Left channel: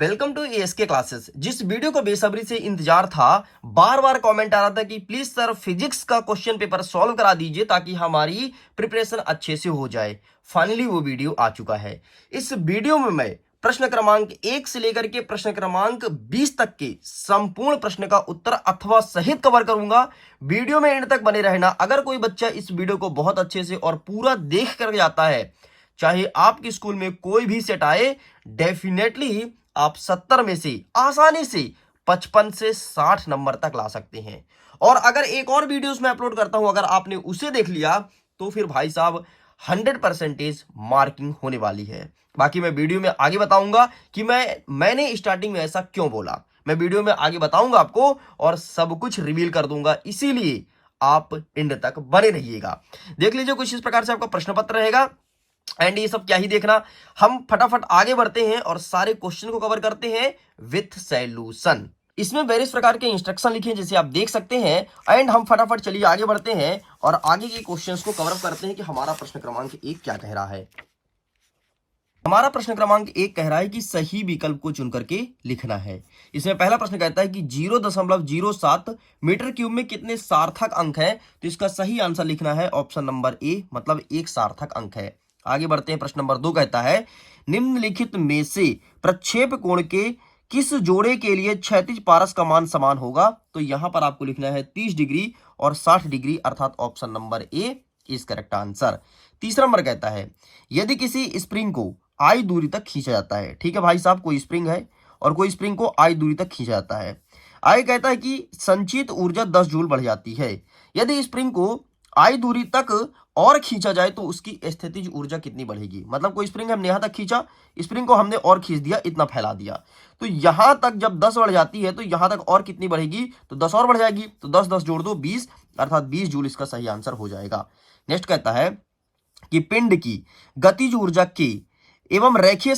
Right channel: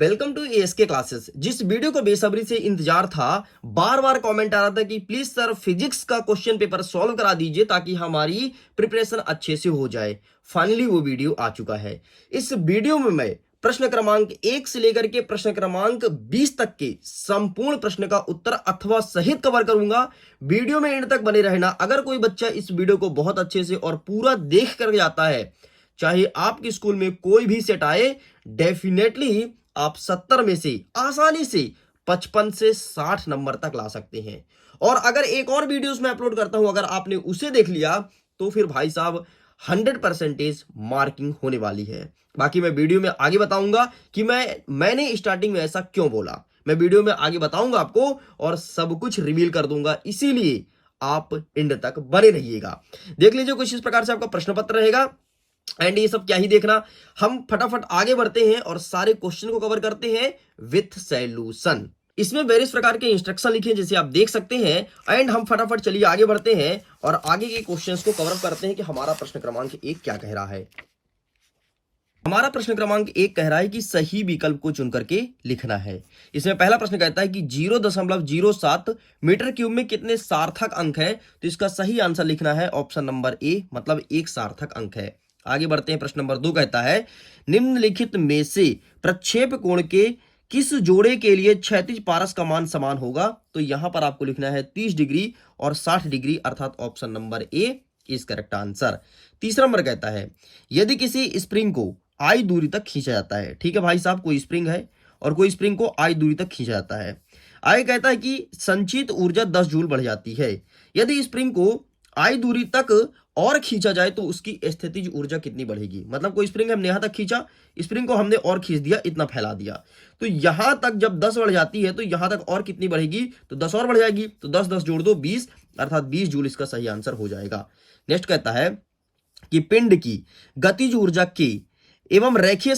Welcome to ASK classes. जिस video को बेसब्री से इंतजार था, बार बार कमेंट आ रहा था कि प्लीज सर फिजिक्स का क्वेश्चन पेपर सॉल्व करा दीजिए ताकि हमारी प्रिपरेशन अच्छे से हो जाए। फाइनली वो वीडियो आ चुका है। इस वीडियो में मैं प्रश्न क्रमांक 1 से लेकर के प्रश्न क्रमांक 20 तक के संपूर्ण प्रश्न का उत्तर अथवा सहित कवर करूंगा। वीडियो में एंड तक बने रहना। अगर कोई बच्चा इस वीडियो को बहुत अच्छे से और पूरा देख कर जाता है, चाहे आपके स्कूल में कोई भी सेट आए, डेफिनेटली आप 70 में से आसानी से 55 से 60 नंबर तक ला सकते हैं। और अगर एक और वीडियोस में अपलोड करता हूं, अगर आपने उसे देख लिया तो फिर भाई साहब 100% मार्किंग होने वाली है। बाकी मैं वीडियो में आगे बताऊंगा कि मैंने स्टार्टिंग में ऐसा क्यों बोला। मैं वीडियो में आगे बताऊंगा आपको और सब कुछ रिवील कर दूंगा, इसीलिए आप एंड तक बने रहिएगा। देख लीजिए, कुछ इस प्रकार से आपका प्रश्न पत्र रहेगा। एंड ये सब क्या ही देखना, हम फटाफट आगे बढ़ते हैं और सारे क्वेश्चन को कवर करते हैं विथ सॉल्यूशन। इसमें वेरियस प्रकार के इंस्ट्रक्शन लिखे हैं जैसे आप देख सकते हैं। एंड हम फटाफट चलिए आगे बढ़ते हैं और आगे के क्वेश्चंस को कवर करते हैं कि हमारा प्रश्न क्रमांक 1 क्या कह रहा है। हमारा प्रश्न क्रमांक 1 कह रहा है कि सही विकल्प को चुन करके लिखना है। इसमें पहला प्रश्न कहता है कि 0.07 मीटर क्यूब में कितने सार्थक अंक है। तो इसका सही आंसर लिखना है ऑप्शन नंबर ए, मतलब एक सार्थक अंक है। आगे बढ़ते हैं। प्रश्न नंबर 2 कहता है निम्नलिखित में से प्रक्षेप कोण के किस जोड़े के लिए क्षैतिज पारस का मान समान होगा। तो यहां पर आपको लिखना है 30 डिग्री और 60 डिग्री, अर्थात option number A is correct answer. तीसरा नंबर कहता है यदि किसी स्प्रिंग को आई दूरी तक खींचा जाता है। ठीक है भाई साहब, कोई स्प्रिंग है और कोई स्प्रिंग को आई दूरी तक खींचा जाता है। आई कहता है कि संचित ऊर्जा 10 जूल बढ़ जाती है। यदि स्प्रिंग को आई दूरी तक और खींचा जाए तो उसकी स्थितिज ऊर्जा कितनी बढ़ेगी। मतलब कोई स्प्रिंग हमने यहां तक खींचा, स्प्रिंग को हमने और खींच दिया, इतना फैला दिया, तो यहां तक जब 10 बढ़ जाती है तो यहां तक और कितनी बढ़ेगी, तो 10 और बढ़ जाएगी। तो 10 10 जोड़ दो 20, अर्थात 20 जूल इसका सही आंसर हो जाएगा। नेक्स्ट कहता है कि पिंड की गतिज ऊर्जा के एवं रेखीय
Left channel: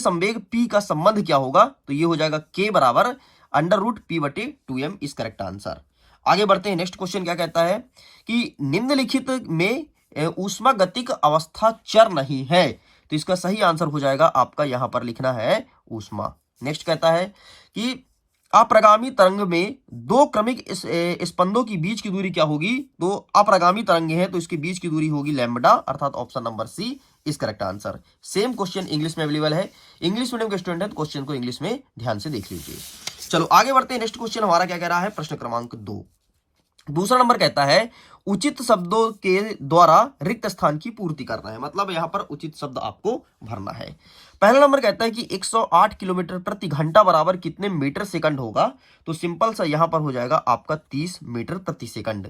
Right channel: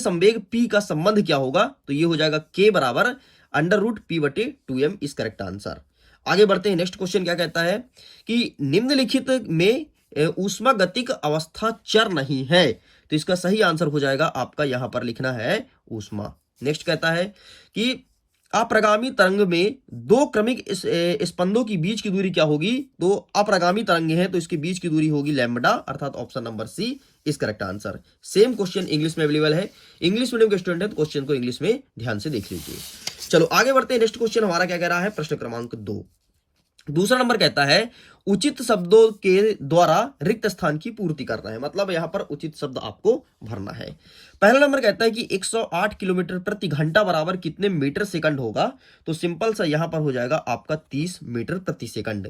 संवेग P का संबंध क्या होगा। तो ये हो जाएगा K बराबर √P/2m इस करेक्ट आंसर। आगे बढ़ते हैं। नेक्स्ट क्वेश्चन क्या कहता है कि निम्नलिखित में ऊष्मागतिक अवस्था चर नहीं है। तो इसका सही आंसर हो जाएगा आपका, यहां पर लिखना है ऊष्मा। नेक्स्ट कहता है कि अप्रगामी तरंग में दो क्रमिक स्पंदों की बीच की दूरी क्या होगी। तो अप्रगामी तरंग है तो इसके बीच की दूरी होगी लैम्बडा, अर्थात ऑप्शन नंबर सी इस correct answer. Same question English में अवेलेबल है। इंग्लिश मीडियम के स्टूडेंट है तो क्वेश्चन को इंग्लिश में ध्यान से देख लीजिए। चलो आगे बढ़ते हैं। नेक्स्ट क्वेश्चन हमारा क्या कह रहा है, प्रश्न क्रमांक 2। दूसरा नंबर कहता है उचित शब्दों के द्वारा रिक्त स्थान की पूर्ति करना है। मतलब यहां पर उचित शब्द आपको भरना है। पहला नंबर कहता है कि 108 किलोमीटर प्रति घंटा बराबर कितने मीटर सेकंड होगा। तो सिंपल सा यहां पर हो जाएगा आपका 30 मीटर प्रति सेकंड।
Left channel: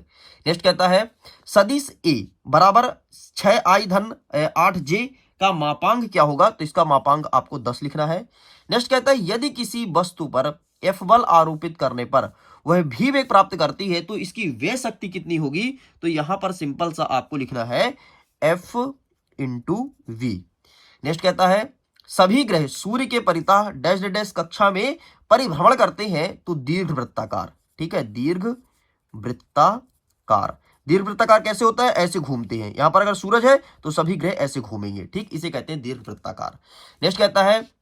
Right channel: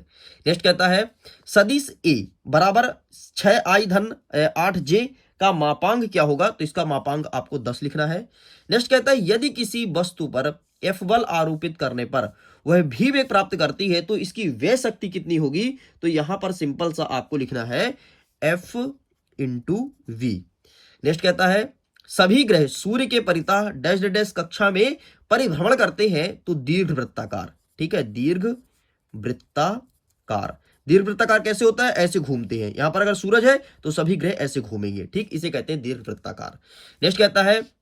नेक्स्ट कहता है सदिश ए बराबर 6i धन 8j का मापांक क्या होगा। तो इसका मापांक आपको 10 लिखना है। नेक्स्ट कहता है यदि किसी वस्तु पर F बल आरोपित करने पर वह भी वेग प्राप्त करती है तो इसकी वे शक्ति कितनी होगी। तो यहां पर सिंपल सा आपको लिखना है F × V। नेक्स्ट कहता है सभी ग्रह सूर्य के परितः डैश डैश कक्षा में परिभ्रमण करते हैं तो दीर्घ वृत्ताकार। ठीक है, दीर्घ वृत्ताकार। दीर्घ वृत्ताकार कैसे होता है, ऐसे घूमते हैं। यहां पर अगर सूरज है तो सभी ग्रह ऐसे घूमेंगे। ठीक, इसे कहते हैं दीर्घ वृत्ताकार। नेक्स्ट कहता है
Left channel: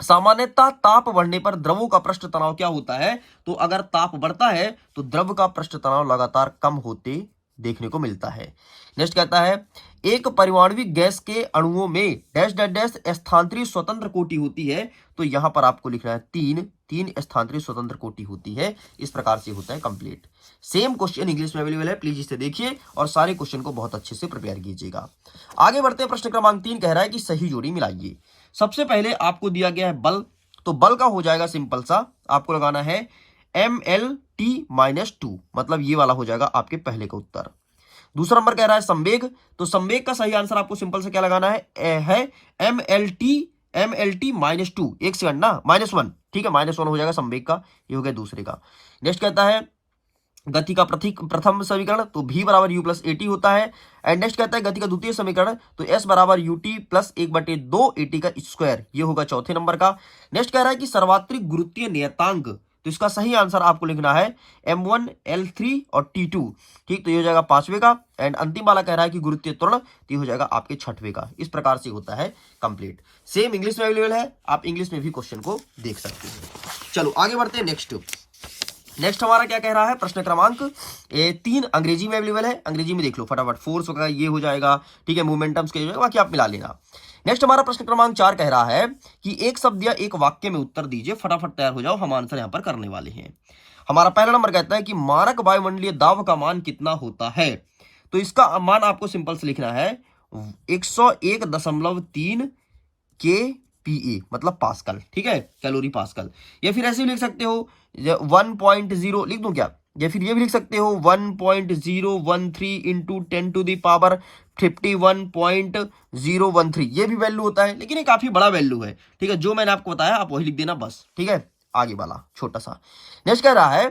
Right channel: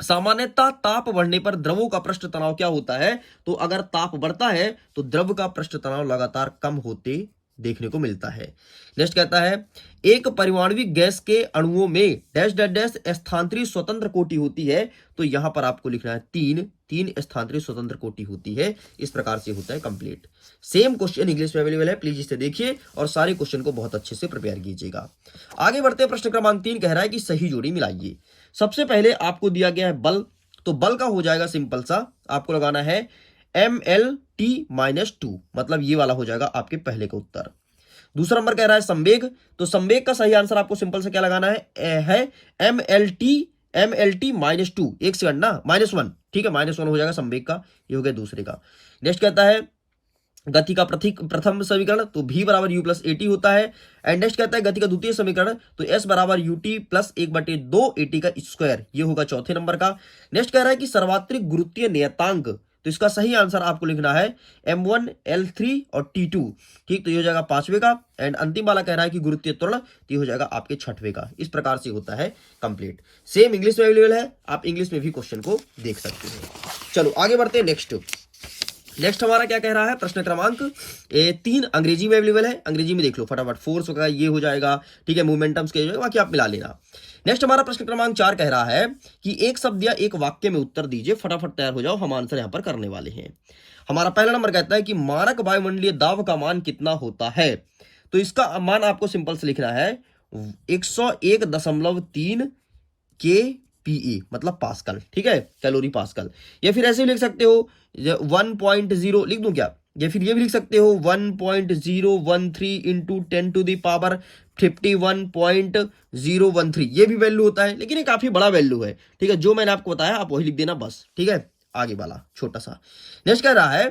सामान्यतः ताप बढ़ने पर द्रवों का पृष्ठ तनाव क्या होता है। तो अगर ताप बढ़ता है तो द्रव का पृष्ठ तनाव लगातार कम होते देखने को मिलता है। नेक्स्ट कहता है एक परमाणविक गैस के अणुओं में डैश डैश डैश स्थानांतरित स्वतंत्र कोटि होती है। तो यहां पर आपको लिखना है 3 स्थानांतरित स्वतंत्र कोटि होती है। इस प्रकार से होता है कंप्लीट। सेम क्वेश्चन इंग्लिश में अवेलेबल है, प्लीज इसे देखिए और सारे क्वेश्चन को बहुत अच्छे से प्रिपेयर कीजिएगा। आगे बढ़ते हैं। प्रश्न क्रमांक 3 कह रहा है कि सही जोड़ी मिलाइए। सबसे पहले आपको दिया गया है बल। तो बल का हो जाएगा सिंपल सा, आपको लगाना है MLT-2, मतलब ये वाला हो जाएगा आपके पहले का उत्तर। दूसरा नंबर कह रहा है संवेग। तो संवेग का सही आंसर आपको सिंपल से क्या लगाना है MLT-2। एक सेकंड ना, -1। ठीक है, -1 हो जाएगा संवेग का, ये हो गया दूसरे का। नेक्स्ट कहता है गति का प्रथम समीकरण। तो v बराबर u + at होता है। एंड नेक्स्ट कहता है गति का द्वितीय समीकरण। तो s बराबर ut + 1/2 at का स्क्वायर, ये होगा चौथे नंबर का। नेक्स्ट कह रहा है कि सर्वात्रिक गुरुत्वीय नियतांक तो इसका सही आंसर आपको लिखना है M1 L3 और T2। ठीक, तो ये हो जाएगा 5वें का। एंड अंतिम वाला कह रहा है कि गुरुत्वीय त्वरण, तो ये हो जाएगा आपके 6वें का। इस प्रकार से होता है कंप्लीट। सेम इंग्लिश में अवेलेबल है, आप इंग्लिश में भी क्वेश्चन को देख सकते हैं। चलो आगे बढ़ते हैं। नेक्स्ट हमारा क्या कह रहा है, प्रश्न क्रमांक 3 अंग्रेजी में अवेलेबल है। अंग्रेजी में देख लो फटाफट। फोर्स वगैरह ये हो जाएगा, ठीक है, मोमेंटम्स के बाकी आप मिला लेना। नेक्स्ट हमारा प्रश्न क्रमांक 4 कह रहा है कि एक शब्द या एक वाक्य में उत्तर दीजिए, फटाफट तैयार हो जाओ, हम आंसर यहां पर करने वाले हैं। हमारा पहला नंबर कहता है कि मानक वायुमंडलीय दाब का मान कितना होता है। तो इसका मान आपको सिंपल से लिखना है 101.3 kPa, मतलब पास्कल, ठीक है, कैलोरी पास्कल। या फिर ऐसे भी लिख सकते हो 1.0 लिख दूं क्या, या फिर ये भी लिख सकते हो 1.013 इंटू 10 टू द पावर 51.013, ये भी वैल्यू होता है, लेकिन ये काफी बड़ा वैल्यू है। ठीक है, जो मैंने आपको बताया आप वही लिख देना बस। ठीक है, आगे वाला छोटा सा। नेक्स्ट कह रहा है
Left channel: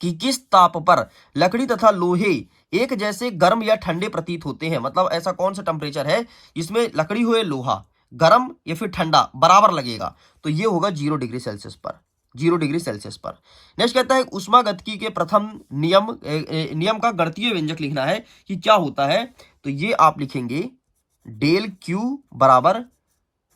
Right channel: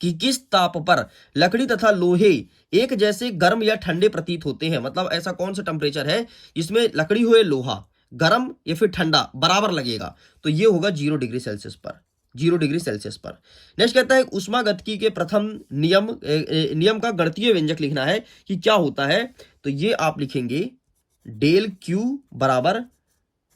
कि किस ताप पर लकड़ी तथा लोहे एक जैसे गर्म या ठंडे प्रतीत होते हैं। मतलब ऐसा कौन सा टेम्परेचर है जिसमें लकड़ी हो या लोहा गर्म या फिर ठंडा बराबर लगेगा, तो ये होगा 0 डिग्री सेल्सियस पर। 0 डिग्री सेल्सियस पर। नेक्स्ट कहता है उष्मागतिकी के प्रथम नियम का गणितीय व्यंजक लिखना है कि क्या होता है। तो ये आप लिखेंगे डेल क्यू बराबर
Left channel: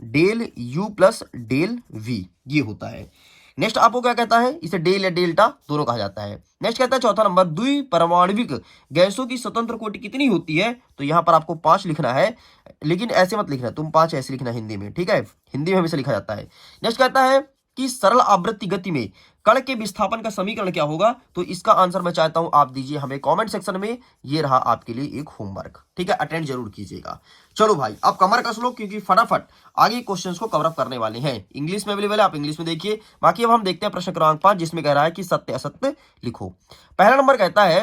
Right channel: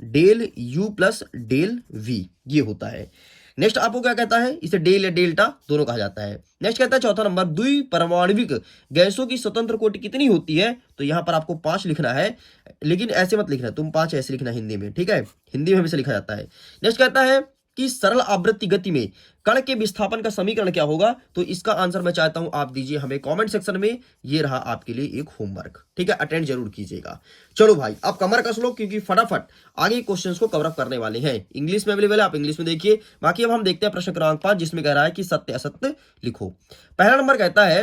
del U plus del V, ये होता है। नेक्स्ट आपको क्या कहता है, इसे डेल या डेल्टा दोनों कहा जाता है। नेक्स्ट कहता है चौथा नंबर, द्विपरमाणविक गैसों की स्वतंत्र कोटि कितनी होती है। तो यहां पर आपको 5 लिखना है, लेकिन ऐसे मत लिखना, तुम 5 ऐसे लिखना हिंदी में, ठीक है, हिंदी में हमेशा लिखा जाता है। नेक्स्ट कहता है कि सरल आवृत्ति गति में कण के विस्थापन का समीकरण क्या होगा। तो इसका आंसर मैं चाहता हूं आप दीजिए हमें कमेंट सेक्शन में। ये रहा आपके लिए एक होमवर्क, ठीक है, अटेंड जरूर कीजिएगा। चलो भाई अब कमर कस लो, क्योंकि फटाफट आगे क्वेश्चंस को कवर अप करने वाले हैं। इंग्लिश में अवेलेबल है, आप इंग्लिश में देखिए। बाकी अब हम देखते हैं प्रश्न क्रमांक 5, जिसमें कह रहा है कि सत्य असत्य लिखो। पहला नंबर कहता है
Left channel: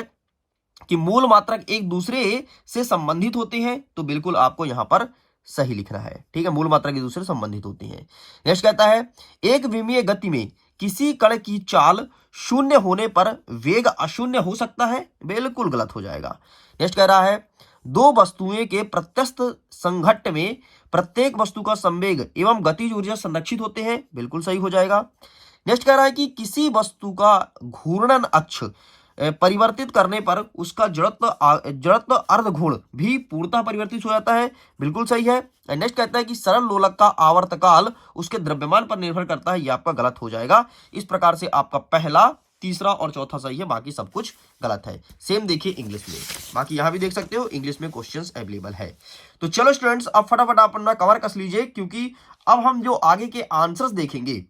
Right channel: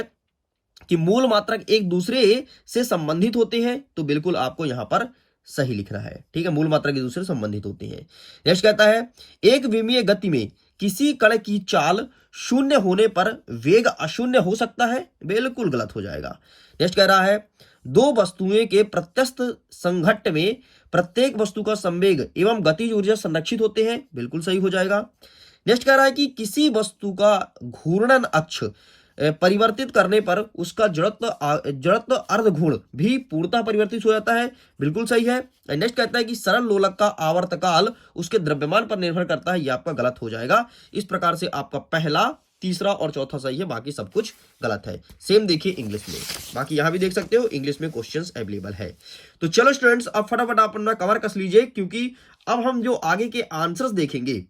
कि मूल मात्रक एक दूसरे से संबंधित होते हैं। तो बिल्कुल आपको यहां पर सही लिखना है, ठीक है, मूल मात्रा एक दूसरे से संबंधित होती हैं। नेक्स्ट कहता है एक विमीय गति में किसी कण की चाल शून्य होने पर वेग अशून्य हो सकता है। बिल्कुल गलत हो जाएगा। नेक्स्ट कह रहा है दो वस्तुएं के प्रत्यस्त संघट्ट में प्रत्येक वस्तु का संवेग एवं गतिज ऊर्जा संरक्षित होते हैं। बिल्कुल सही हो जाएगा। नेक्स्ट कह रहा है कि किसी वस्तु का घूर्णन अक्ष परिवर्तित करने पर उसका जड़त्व अर्धघूर्ण भी पूर्णतः परिवर्तित हो जाता है। बिल्कुल सही है। नेक्स्ट कहता है कि सरल लोलक का आवर्तकाल उसके द्रव्यमान पर निर्भर करता है। ये आपका गलत हो जाएगा। इस प्रकार से आपका पहला, तीसरा और चौथा सही है, बाकी सब कुछ गलत है। सेम देखिए इंग्लिश में, बाकी यहां भी देख सकते हो इंग्लिश में क्वेश्चंस अवेलेबल है। तो चलो स्टूडेंट्स अब फटाफट आप अपना कवर कस लीजिए, क्योंकि अब हम जो आगे के आंसर्स देखेंगे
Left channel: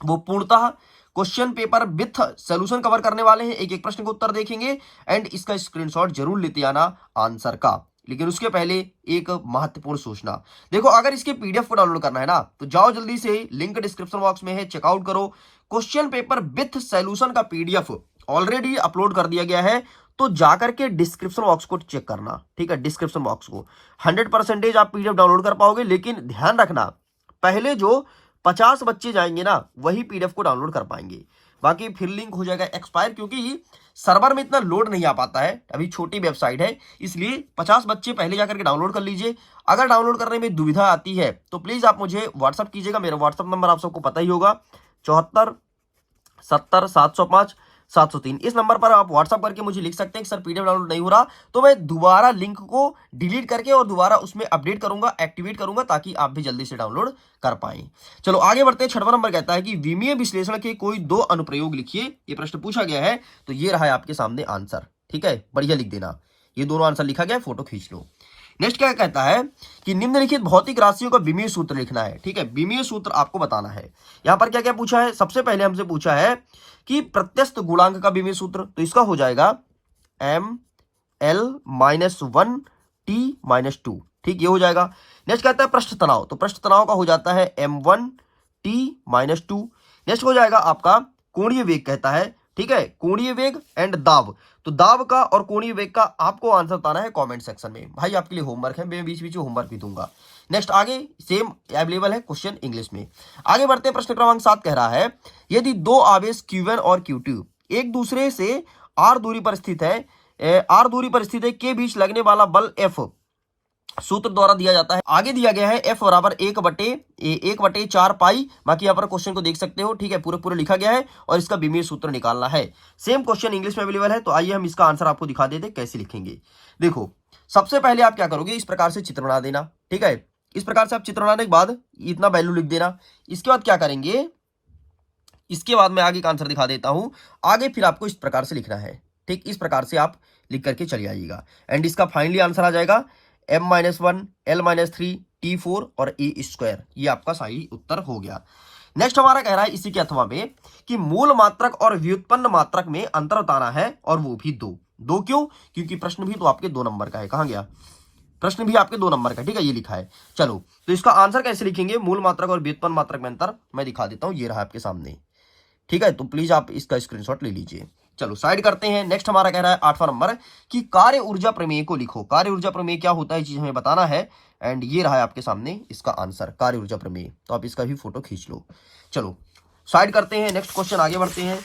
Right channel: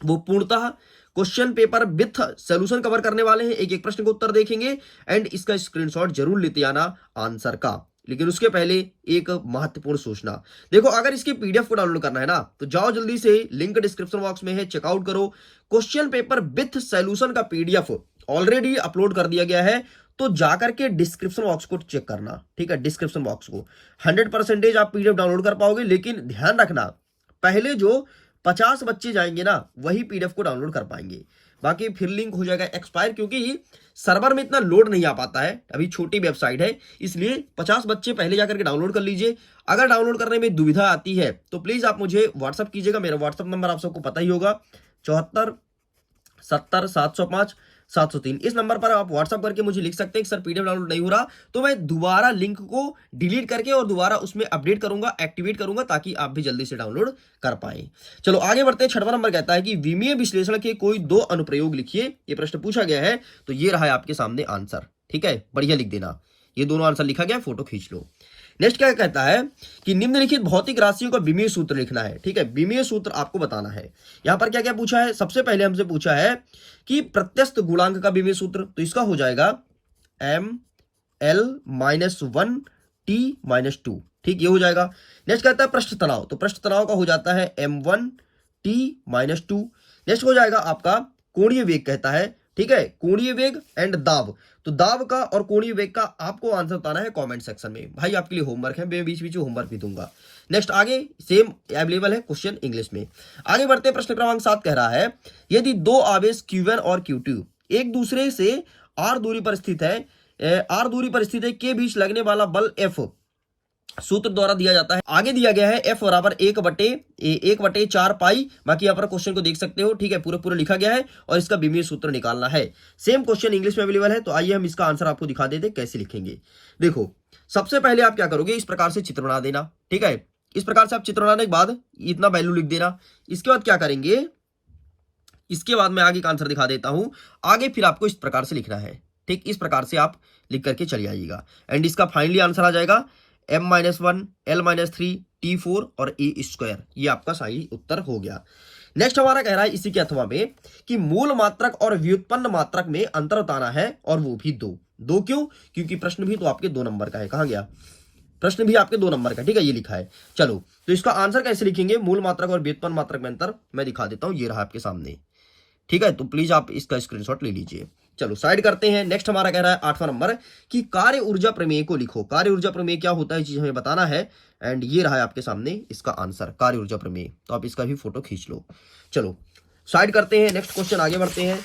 वो पूर्णतः question paper with solution cover करने वाले हैं। एक एक प्रश्न का उत्तर देखेंगे एंड इसका स्क्रीनशॉट जरूर लेते आना आंसर का। लेकिन उसके पहले एक महत्वपूर्ण सूचना, देखो अगर इसके पीडीएफ को डाउनलोड करना है ना, तो जाओ जल्दी से, लिंक डिस्क्रिप्शन बॉक्स में है, चेकआउट करो। क्वेश्चन पेपर विथ सॉल्यूशन का पीडीएफ ऑलरेडी अपलोड कर दिया गया है, तो जाकर के डिस्क्रिप्शन बॉक्स को चेक करना, ठीक है, डिस्क्रिप्शन बॉक्स को 100% आप पीडीएफ डाउनलोड कर पाओगे। लेकिन ध्यान रखना, पहले जो 50 बच्चे जाएंगे ना, वही पीडीएफ को डाउनलोड कर पाएंगे, बाकी फिर लिंक हो जाएगा एक्सपायर, क्योंकि सर्वर में इतना लोड नहीं आ पाता है, अभी छोटी वेबसाइट है, इसलिए 50 बच्चे पहले जाकर के डाउनलोड कर लीजिए। अगर डाउनलोड करने में दुविधा आती है तो प्लीज आप मुझे व्हाट्सअप कीजिएगा। मेरा व्हाट्सअप नंबर आप सबको पता ही होगा, 74 70 705 703। इस नंबर पर आप व्हाट्सअप करके मुझे लिख सकते हैं कि सर पीडीएफ डाउनलोड नहीं हो रहा, तो मैं दोबारा लिंक को डिलीट करके और दोबारा उसमें अपडेट करूंगा, एक्टिवेट करूंगा, ताकि आप भी जल्दी से डाउनलोड कर पाएं। चलो आगे बढ़ते हैं। 6वां नंबर कहता है कि विमीय विश्लेषण के कोई 2 अनुप्रयोग लिखिए। ये प्रश्न पूछा गया है, तो ये रहा है आपके सामने आंसर, ठीक है, बढ़िया लिख देना। ये दोनों आंसर लिखा गया, फोटो खींच लो। नेक्स्ट क्या कहता है कि निम्नलिखित भौतिक राशियों का विमीय सूत्र लिखना है, ठीक है, विमीय सूत्र आपको बताना है। यहां पर क्या क्या पूछा है, सबसे पहले हमसे पूछा है कि प्रत्यस्त गुणांक का विमीय सूत्र, तो इसका हो जाएगा ML-1 T-2, ठीक, ये हो जाएगा। नेक्स्ट कहता है पृष्ठ तनाव, तो पृष्ठ तनाव का हो जाता है M1 T-2। नेक्स्ट हो जाएगा आपका कोणीय वेग, कहता है, ठीक है, कोणीय वेग एंड दाब, तो दाब का और कोणीय वेग का आपको आंसर बताना है कमेंट सेक्शन में। भाई आपके लिए होमवर्क है, मैं बीच बीच में होमवर्क भी दूंगा। नेक्स्ट आगे सेम अवेलेबल है क्वेश्चन इंग्लिश में। आगे बढ़ते हैं। प्रश्न क्रमांक 7 कह रहा है यदि 2 आवेश Q1 और Q2 एक दूसरे से r दूरी पर स्थित है, के बीच लगने वाला बल F सूत्र द्वारा दिया जाता है। आगे दिया गया है F बराबर 1/4 पाई। बाकी यहाँ पर क्वेश्चन को देख सकते हो, ठीक है, पूरे पूरे लिखा गया है और इसका बीमीय सूत्र निकालना है। सेम क्वेश्चन इंग्लिश में अवेलेबल है, तो आइए हम इसका आंसर आपको दिखा देते कैसे लिखेंगे। देखो, सबसे पहले आप क्या करोगे, इस प्रकार से चित्र बना देना, ठीक है। इस प्रकार से आप चित्र बनाने के बाद इतना वैल्यू लिख देना। इसके बाद क्या करेंगे, इसके बाद मैं आगे का आंसर दिखा देता हूं। आगे फिर आपको इस प्रकार से लिखना है, ठीक, इस प्रकार से आप लिख करके चले आइएगा एंड इसका फाइनली आंसर आ जाएगा m-1 l-3 t4 और a²। ये आपका सही उत्तर हो गया। नेक्स्ट हमारा कह रहा है इसी के अथवा में कि मूल मात्रक और व्युत्पन्न मात्रक में अंतर बताना है, और वो भी दो क्यों, क्योंकि प्रश्न भी तो आपके 2 नंबर का है। कहां गया प्रश्न, भी आपके 2 नंबर का, ठीक है, ये लिखा है। चलो, तो इसका आंसर कैसे लिखेंगे, मूल मात्रक और व्युत्पन्न मात्रक में अंतर मैं दिखा देता हूं, ये रहा आपके सामने, ठीक है। तो प्लीज आप इसका स्क्रीनशॉट ले लीजिए। चलो साइड करते हैं। नेक्स्ट हमारा कह रहा है 8वां नंबर कि कार्य ऊर्जा प्रमेय को लिखो। कार्य ऊर्जा प्रमेय क्या होता है, चीज हमें बताना है एंड ये रहा है आपके सामने इसका आंसर, कार्य ऊर्जा प्रमेय। तो आप इसका भी फोटो खींच लो। चलो साइड करते हैं, नेक्स्ट क्वेश्चन आगे बढ़ते हैं।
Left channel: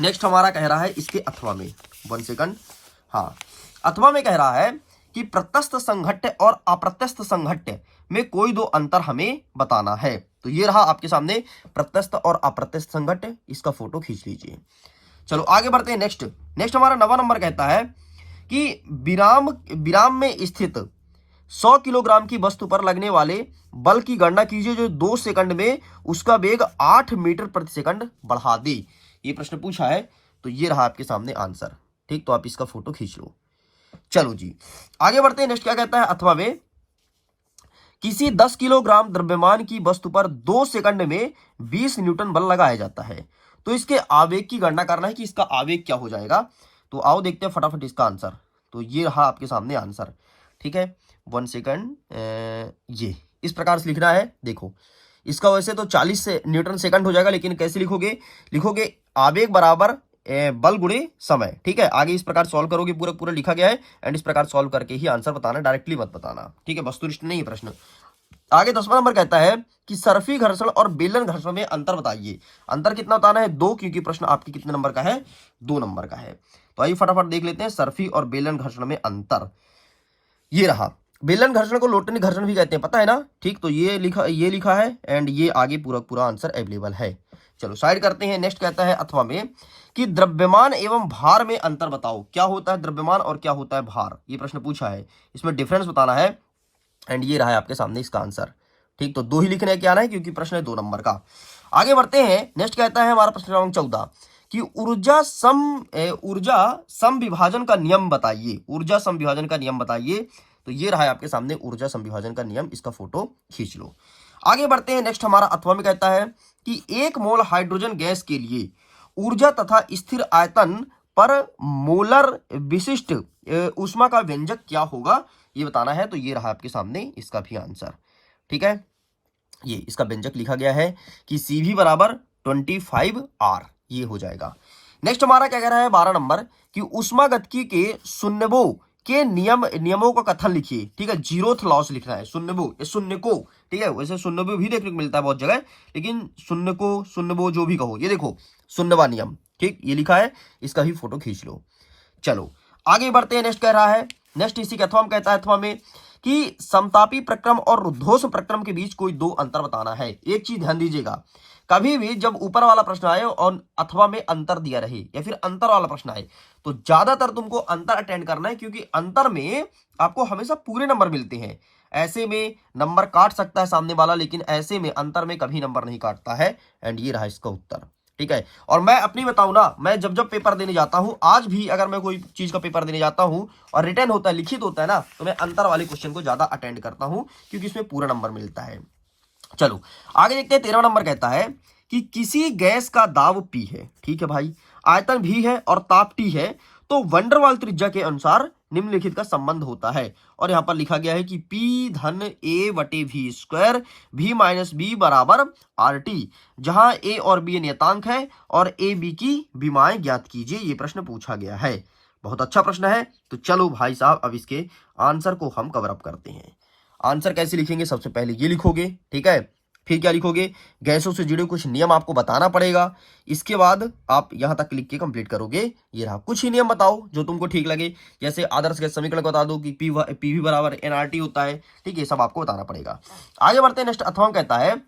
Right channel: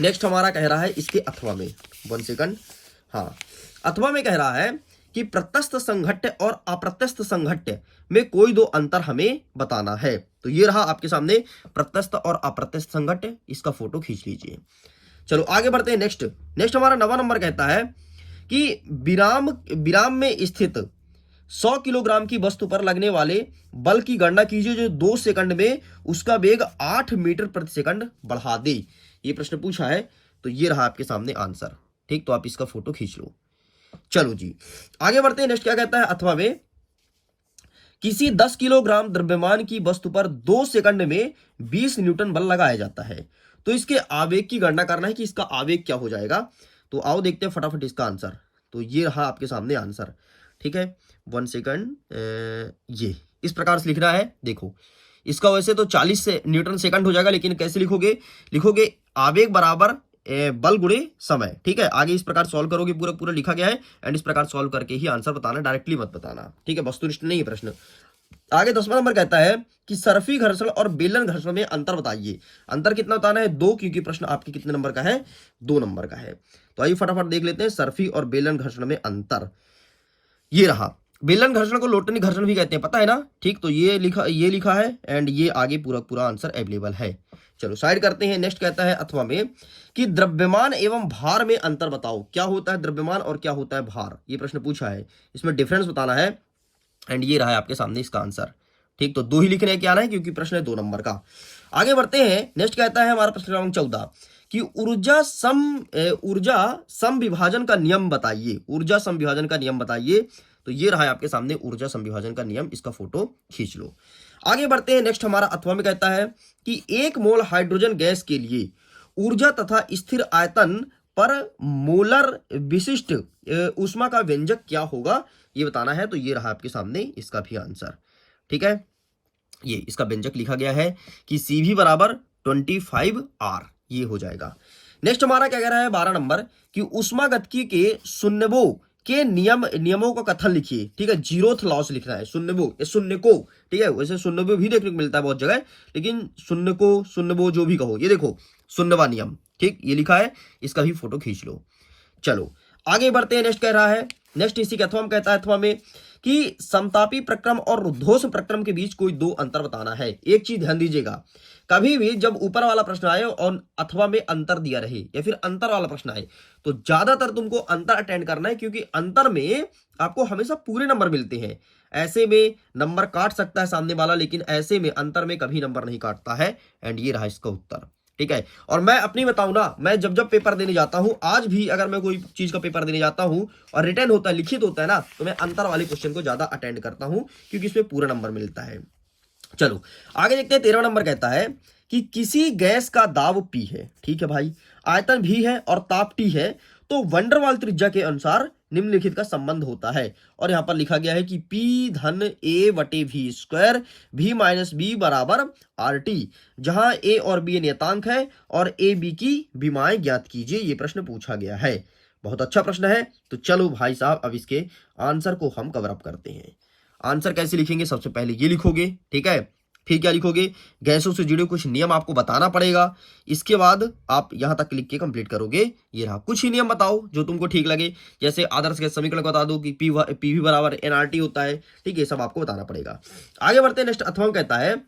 नेक्स्ट हमारा कह रहा है इसके अथवा में, 1 सेकंड, हाँ, अथवा में कह रहा है कि प्रत्यस्थ संघट्ट और अप्रत्यस्थ संघट्ट में कोई 2 अंतर हमें बताना है। तो ये रहा आपके सामने प्रत्यस्थ और अप्रत्यस्थ संघट्ट, इसका फोटो खींच लीजिए। चलो आगे बढ़ते हैं। नेक्स्ट हमारा 9वां नंबर कहता है कि विराम में स्थित 100 किलोग्राम की वस्तु पर लगने वाले बल की गणना कीजिए जो 2 सेकंड में उसका वेग 8 मीटर प्रति सेकंड बढ़ा दे। ये प्रश्न पूछा है, तो ये रहा आपके सामने आंसर, ठीक। तो आप इसका फोटो खींच लो। चलो जी आगे बढ़ते हैं। नेक्स्ट क्या कहता है अथवा में, किसी 10 किलोग्राम द्रव्यमान की वस्तु पर 2 सेकंड में 20 न्यूटन बल लगाया जाता है, तो इसके आवेग की गणना करना है कि इसका आवेग क्या हो जाएगा। तो आओ देखते हैं फटाफट इसका आंसर। तो ये रहा आपके सामने आंसर, ठीक है। 1 सेकंड, ये इस प्रकार से लिखना है। देखो, इसका वैसे तो 40 न्यूटन सेकंड हो जाएगा, लेकिन कैसे लिखोगे आवेग बराबर बल गुणे समय, ठीक है। आगे इस प्रकार सॉल्व करोगे, पूरा लिखा गया है एंड इस प्रकार सॉल्व करके ही आंसर बताना, डायरेक्टली मत बताना, ठीक है। वस्तुनिष्ठ नहीं है प्रश्न। आगे 10वां नंबर कहता है कि सर्फी घर्षण और बेलन घर्षण में अंतर बताइए। अंतर कितना बताना है, 2, क्योंकि प्रश्न आपके कितने नंबर का है, 2 नंबर का है। तो आइए फटाफट देख लेते हैं सर्फी और बेलन घर्षण में अंतर। ये रहा, बेलन घर्षण को लोटनी घर्षण भी कहते हैं, पता है ना, ठीक। तो ये लिखा है एंड ये आगे पूरा आंसर अवेलेबल है। चलो साइड करते हैं। नेक्स्ट कहता है अथवा में कि द्रव्यमान एवं भार में अंतर बताओ। क्या होता है द्रव्यमान और क्या होता है भार, ये प्रश्न पूछा है, इसमें डिफरेंस बताना है एंड ये रहा है आपके सामने इसका आंसर, ठीक। तो 2 ही लिखने क्या है, क्योंकि प्रश्न है 2 नंबर का। आगे बढ़ते हैं। नेक्स्ट कहता है हमारा प्रश्न क्रमांक 14 कि ऊर्जा सम विभाजन का नियम बताइए। ऊर्जा सम विभाजन का नियम बताइए। तो ये रहा है आपके सामने ऊर्जा सम विभाजन का नियम, इसका फोटो खींच लो। आगे बढ़ते हैं। नेक्स्ट हमारा अथवा में कहता है कि 1 मोल हाइड्रोजन गैस के लिए ऊर्जा तथा स्थिर आयतन पर मोलर विशिष्ट ऊष्मा का व्यंजक क्या होगा, ये बताना है। तो ये रहा आपके सामने इसका भी आंसर, ठीक है। ये इसका व्यंजक लिखा गया है कि CV बराबर 25R, ये हो जाएगा। नेक्स्ट हमारा क्या कह रहा है 12 नंबर कि ऊष्मागतिकी के शून्यवो के नियमों का कथन लिखिए, ठीक है। जीरोथ लॉस लिखना है, शून्य को, ठीक है। वैसे शून्यवो भी देखने को मिलता है बहुत जगह, लेकिन शून्यवो जो भी कहो, ये देखो शून्यवा नियम, ठीक, ये लिखा है, इसका भी फोटो खींच लो। चलो आगे बढ़ते हैं। नेक्स्ट कह रहा है, नेक्स्ट इसी के अथवा में कहता है अथवा में कि समतापी प्रक्रम और रुद्धोष प्रक्रम के बीच कोई 2 अंतर बताना है। एक चीज ध्यान दीजिएगा, कभी भी जब ऊपर वाला प्रश्न आए और अथवा में अंतर दिया रहे या फिर अंतर वाला प्रश्न आए, तो ज्यादातर तुमको अंतर अटेंड करना है, क्योंकि अंतर में आपको हमेशा पूरे नंबर मिलते हैं। ऐसे में नंबर काट सकता है सामने वाला, लेकिन ऐसे में अंतर में कभी नंबर नहीं काटता है एंड ये रहा इसका उत्तर, ठीक है। और मैं अपनी बताऊं ना, मैं जब पेपर देने जाता हूं, आज भी अगर मैं कोई चीज का पेपर देने जाता हूं और रिटर्न होता है, लिखित होता है ना, तो मैं अंतर वाले क्वेश्चन को ज्यादा अटेंड करता हूं, क्योंकि इसमें पूरा नंबर मिलता है। चलो आगे देखते हैं। 13वां नंबर कहता है कि किसी गैस का दाब P है, ठीक है भाई, आयतन V है और ताप T है, तो वंडरवाल त्रिज्या के अनुसार निम्नलिखित का संबंध होता है। और यहां पर लिखा गया है कि P/A/V², V-B बराबर RT, जहां A और B नियतांक है और A B की विमाएं ज्ञात कीजिए। ये प्रश्न पूछा गया है, बहुत अच्छा प्रश्न है। तो चलो भाई साहब, अब इसके आंसर को हम कवर अप करते हैं। आंसर कैसे लिखेंगे, सबसे पहले ये लिखोगे, ठीक है। फिर क्या लिखोगे, गैसों से जुड़े कुछ नियम आपको बताना पड़ेगा। इसके बाद आप यहां तक लिख के कंप्लीट करोगे। ये रहा, कुछ ही नियम बताओ जो तुमको ठीक लगे, जैसे आदर्श गैस समीकरण बता दो कि पीवी बराबर एनआरटी होता है, ठीक है, सब आपको बताना पड़ेगा। आगे बढ़ते हैं। नेक्स्ट अथवा कहता है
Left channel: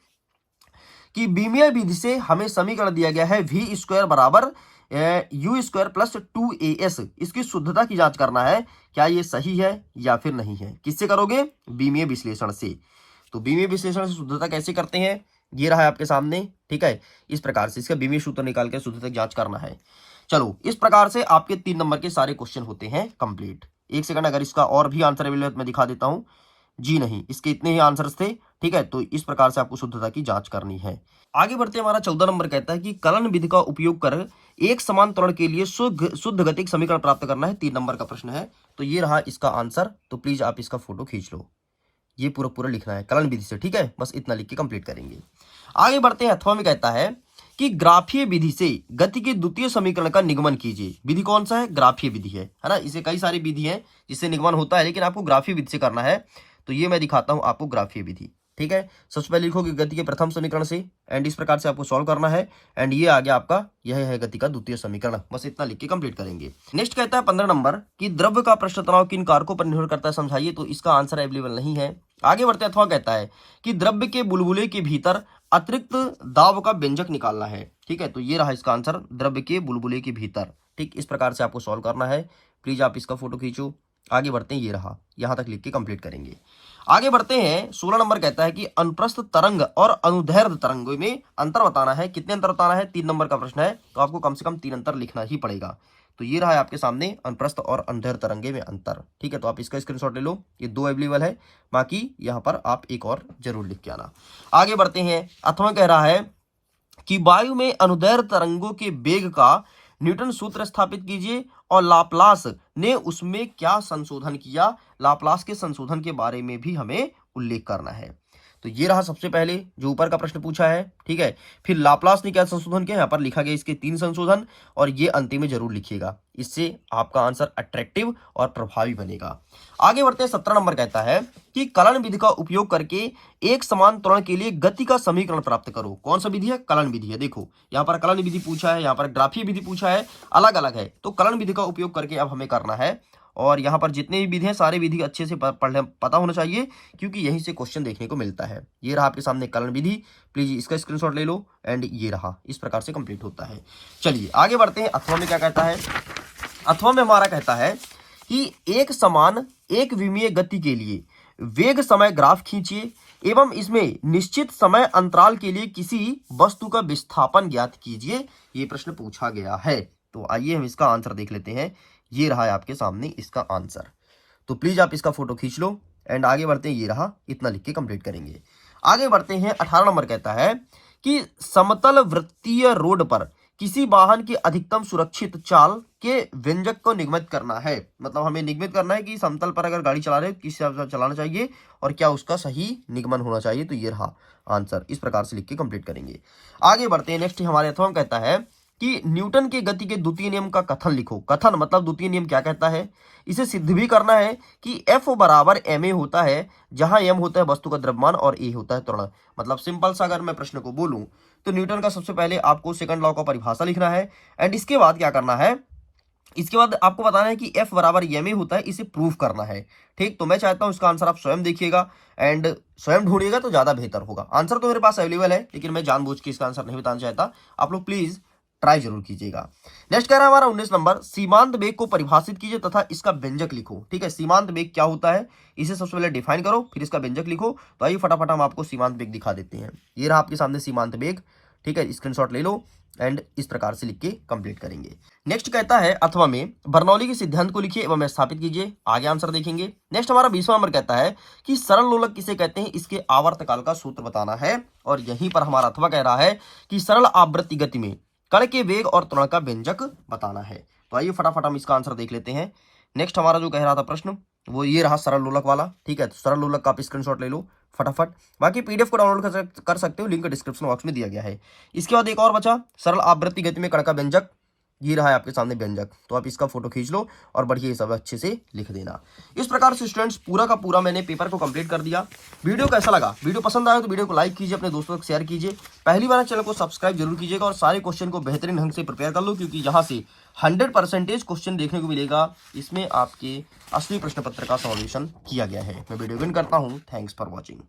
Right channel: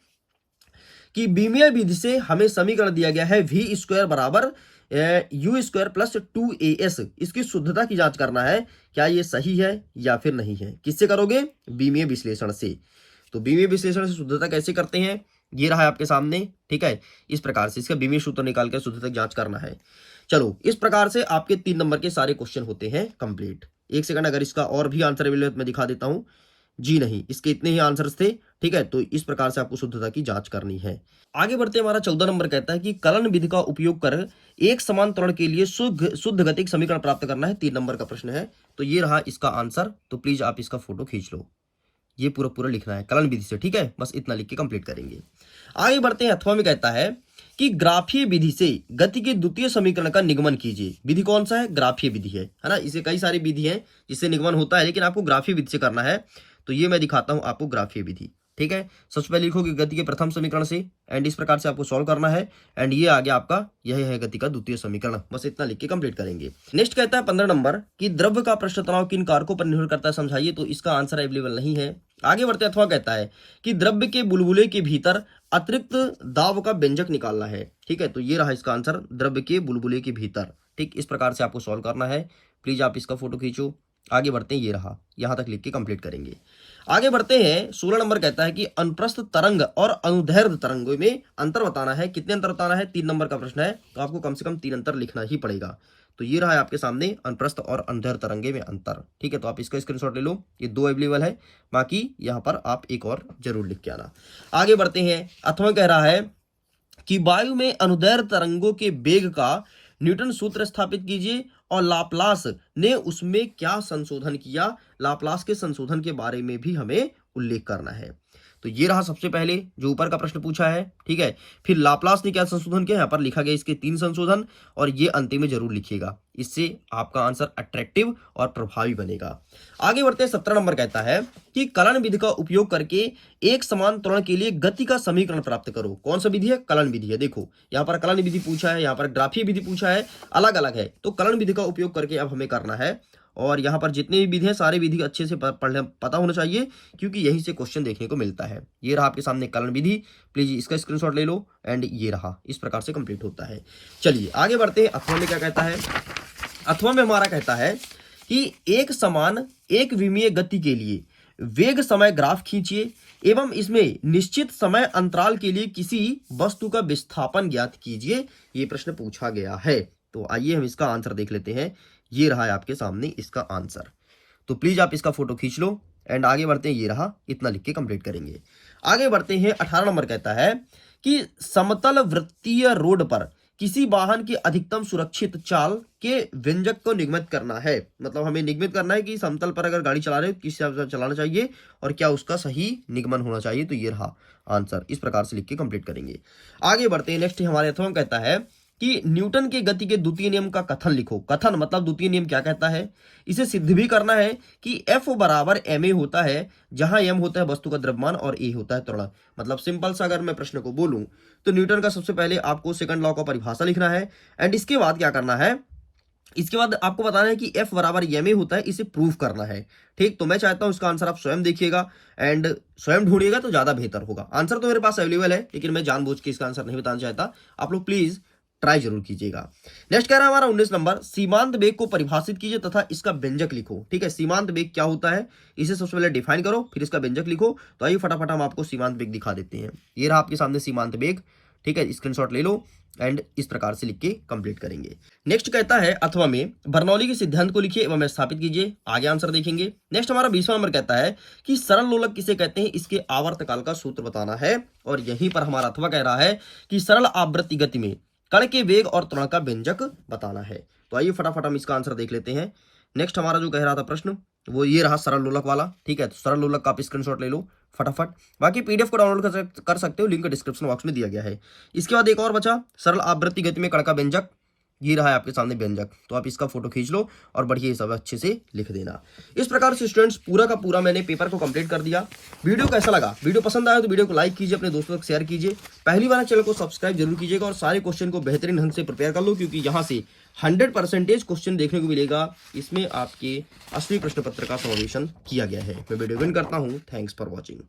कि बीमीय विधि से हमें समीकरण दिया गया है वी स्क्वायर बराबर यू स्क्वायर प्लस 2as, इसकी शुद्धता की जांच करना है, क्या ये सही है या फिर नहीं है। किससे करोगे, बीमीय विश्लेषण से। तो बीमीय विश्लेषण से शुद्धता कैसे करते हैं, ये रहा है आपके सामने, ठीक है। इस प्रकार से इसका बीमीय सूत्र निकाल के शुद्धता की जांच करना है। चलो, इस प्रकार से आपके 3 नंबर के सारे क्वेश्चन होते हैं कंप्लीट। एक सेकंड, अगर इसका और भी आंसर अवेलेबल मैं दिखा देता हूं। जी नहीं, इसके इतने ही आंसर्स थे, ठीक है। तो इस प्रकार से आपको शुद्धता की जांच करनी है। आगे बढ़ते हमारा 14 नंबर कहता है कि कलन विधि का उपयोग कर एक समान त्वरण के लिए शुद्ध गतिक समीकरण प्राप्त करना है। 3 नंबर का प्रश्न है। तो ये रहा इसका आंसर। तो प्लीज आप इसका फोटो खींच लो। ये पूरा लिखना है कलन विधि से, ठीक है। बस इतना लिख के कंप्लीट करेंगे। आगे बढ़ते हैं। अथवा में कहता है कि ग्राफीय विधि से गति के द्वितीय समीकरण का निगमन कीजिए। विधि कौन सा है, ग्राफीय विधि है ना। इसे कई सारी विधि है जिससे निगमन होता है, लेकिन आपको ग्राफीय विधि से करना है। तो ये मैं दिखाता हूं आपको ग्राफीय विधि, ठीक है। सबसे पहले लिखोगे गति के प्रथम समीकरण से, एंड इस प्रकार से आपको सॉल्व करना है। एंड ये आगे आपका यह है गति का द्वितीय समीकरण। बस इतना लिख के कंप्लीट करेंगे। नेक्स्ट कहता है 15 नंबर कि द्रव्य का पृष्ठ तनाव किन कारकों पर निर्भर करता है, समझाइए। तो इसका आंसर अवेलेबल नहीं है। आगे बढ़ते अथवा कहता है कि द्रव्य के बुलबुले के भीतर अतिरिक्त दाब का व्यंजक निकालना है, ठीक है। तो ये रहा इसका आंसर, द्रव्य के बुलबुले के भीतर, ठीक। इस प्रकार से आपको सॉल्व करना है। प्लीज आप इसका फोटो खींचो। आगे बढ़ते हैं। ये रहा, यहां तक लिख के कंप्लीट करेंगे। आगे बढ़ते हैं। 16 नंबर कहता है कि अनुप्रस्थ तरंग और अनुदैर्ध्य तरंग में अंतर बताना है। कितने अंतर बताना है, 3 नंबर का प्रश्न है। तो आपको कम से कम 3 अंतर लिखना ही पड़ेगा। तो ये रहा है आपके सामने, अनुप्रस्थ और अनुदैर्ध्य तरंगे में अंतर, ठीक है। तो आप इसका स्क्रीनशॉट ले लो। ये 2 अवेलेबल है, बाकी यहां पर आप एक और जरूर लिख के आना। आगे बढ़ते हैं। अथवा कह रहा है कि वायु में अनुदैर्ध्य तरंगों के वेग का न्यूटन सूत्र स्थापित कीजिए और लाप्लास ने उसमें क्या संशोधन किया। लाप्लास के संशोधन के बारे में भी हमें उल्लेख करना है। तो ये रहा सबसे पहले जो ऊपर का प्रश्न पूछा है, ठीक है। फिर लाप्लास ने क्या संशोधन किया, यहाँ पर लिखा गया इसके 3 संशोधन, और ये अंतिम में जरूर लिखिएगा। इससे आपका आंसर अट्रैक्टिव और प्रभावी बनेगा। आगे बढ़ते हैं। 17 नंबर कहता है कि कलन विधि का उपयोग करके एक समान त्वरण के लिए गति का समीकरण प्राप्त करो। कौन सा विधि है, कलन विधि है। देखो यहाँ पर कलन विधि पूछा है, यहाँ पर ग्राफीय विधि पूछा है, अलग अलग है। तो कलन विधि का उपयोग करके अब हमें करना है। और यहाँ पर जितने भी विधि हैं सारे विधि अच्छे से पता होना चाहिए, क्योंकि यहीं से क्वेश्चन देखने को मिलता है। ये रहा आपके सामने कलन विधि। प्लीज इसका स्क्रीनशॉट ले लो। एंड ये रहा, इस प्रकार से कंप्लीट होता है। चलिए आगे बढ़ते हैं। अथवा में क्या कहता है, अथवा में हमारा कहता है कि एक समान एक विमीय गति के लिए वेग समय ग्राफ खींचिए एवं इसमें निश्चित समय अंतराल के लिए किसी वस्तु का विस्थापन ज्ञात कीजिए। ये प्रश्न पूछा गया है। तो आइए हम इसका आंसर देख लेते हैं। ये रहा है आपके सामने इसका आंसर। तो प्लीज आप इसका फोटो खींच लो। एंड आगे बढ़ते हैं। ये रहा, इतना लिख के कंप्लीट करेंगे। आगे बढ़ते हैं। 18 नंबर कहता है कि समतल वृत्तीय रोड पर किसी वाहन की अधिकतम सुरक्षित चाल के व्यंजक को निगमित करना है। मतलब हमें निगमित करना है कि समतल पर अगर गाड़ी चला रहे हो किस हिसाब से चलाना चाहिए और क्या उसका सही निगमन होना चाहिए। तो ये रहा आंसर। इस प्रकार से लिख के कंप्लीट करेंगे। आगे बढ़ते हैं। नेक्स्ट हमारे अथवा कहता है कि न्यूटन के गति के द्वितीय नियम का कथन लिखो। कथन मतलब द्वितीय नियम क्या कहता है, इसे सिद्ध भी करना है कि F बराबर ma होता है, जहां m होता है वस्तु का द्रव्यमान और a होता है त्वरण। मतलब सिंपल सा अगर मैं प्रश्न को बोलूं तो न्यूटन का सबसे पहले आपको सेकंड लॉ का परिभाषा लिखना है। एंड इसके बाद क्या करना है, इसके बाद आपको बताना है कि F बराबर ma होता है, इसे प्रूफ करना है। ठीक, तो मैं चाहता हूं इसका आंसर आप स्वयं देखिएगा एंड स्वयं ढूंढिएगा तो ज्यादा बेहतर होगा। आंसर तो मेरे पास अवेलेबल है, लेकिन मैं जानबूझ के इसका आंसर नहीं बताना चाहता। आप लोग प्लीज ट्राई जरूर कीजिएगा। नेक्स्ट कह रहा है हमारा 19 नंबर, सीमांत वेग को परिभाषित कीजिए तथा इसका व्यंजक लिखो। ठीक है, सीमांत वेग क्या होता है इसे सबसे पहले डिफाइन करो, फिर इसका व्यंजक लिखो। तो आइए फटाफट हम आपको सीमांत वेग दिखा देते हैं। ये रहा आपके सामने सीमांत वेग। ठीक है, स्क्रीनशॉट ले लो एंड इस प्रकार से लिख के कंप्लीट करेंगे। नेक्स्ट कहता है अथवा में बर्नौली के सिद्धांत को लिखिए एवं स्थापित कीजिए। आगे आंसर देखेंगे। नेक्स्ट हमारा 20वां नंबर कहता है कि सरल लोलक किसे कहते हैं, इसके आवर्तकाल का सूत्र बताना है। और यहीं पर हमारा अथवा कह रहा है कि सरल आवृत्ति गति में कण के वेग और त्वरण का व्यंजक बताना है। तो आइए फटाफट हम इसका आंसर देख लेते हैं। नेक्स्ट हमारा जो कह रहा था प्रश्न वो ये रहा सरल लोलक वाला। ठीक है, तो सरल लोलक का आप स्क्रीनशॉट ले लो फटाफट। बाकी पीडीएफ को डाउनलोड कर सकते हो, लिंक डिस्क्रिप्शन बॉक्स में दिया गया है। इसके बाद एक और बचा सरल आवृत्ति गति में कण का व्यंजक। ये रहा है आपके सामने व्यंजक, तो आप इसका फोटो खींच लो और बढ़िया हिसाब अच्छे से लिख देना। इस प्रकार से स्टूडेंट्स पूरा का पूरा मैंने पेपर को कंप्लीट कर दिया। वीडियो कैसा लगा? वीडियो पसंद आया तो वीडियो को लाइक कीजिए, अपने दोस्तों तक शेयर कीजिए। पहली बार चैनल को सब्सक्राइब जरूर कीजिएगा और सारे क्वेश्चन को बेहतरीन ढंग से प्रिपेयर कर लो, क्योंकि यहाँ से 100% क्वेश्चन देखने को मिलेगा। इसमें आपके असली प्रश्न पत्र का सॉल्यूशन किया गया है। मैं वीडियो एंड करता हूँ। Thanks for watching.